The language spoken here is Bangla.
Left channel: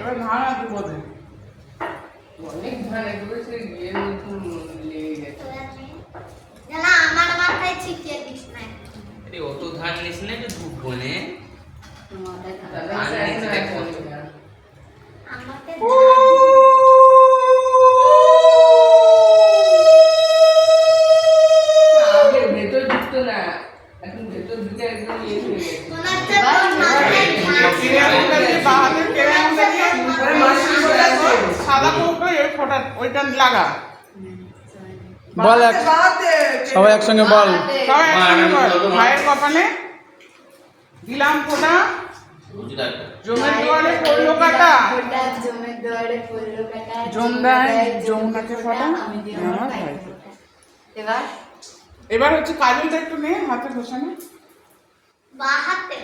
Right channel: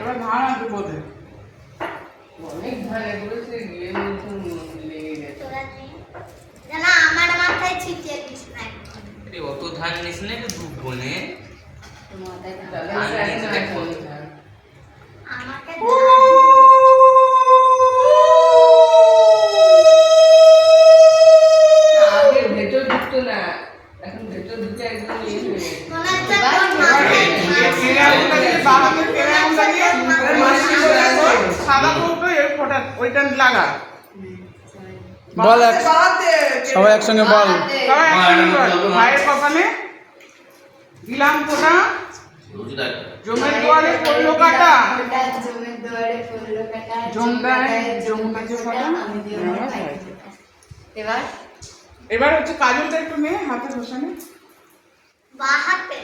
এবার ভাড়া দেবো অনেক ধান এগুলো সে গিয়ে লেগে গেছে। না আমার মাথায় ছিটিয়ে দিস না। আরে অত ধান নিস না একটু ধূপ বনে আমাকে আগে ভেতর ঢুকতো না, এখন ভেতর ঢুকে একদম ইয়ে হয়ে গেছে। ওইটা লাগা বল সবাই একসঙ্গে বল। মায়ের কপালে দিলাম ফোঁটা, জমের দুয়ারে পড়লো কাটা, জমের দুয়ারে পড়লো কাটা, জমদায় জম গাছে ফোঁটা। এবার এবার হচ্ছে কাজলটা একটু নে হাতে বসানো। বা হাতে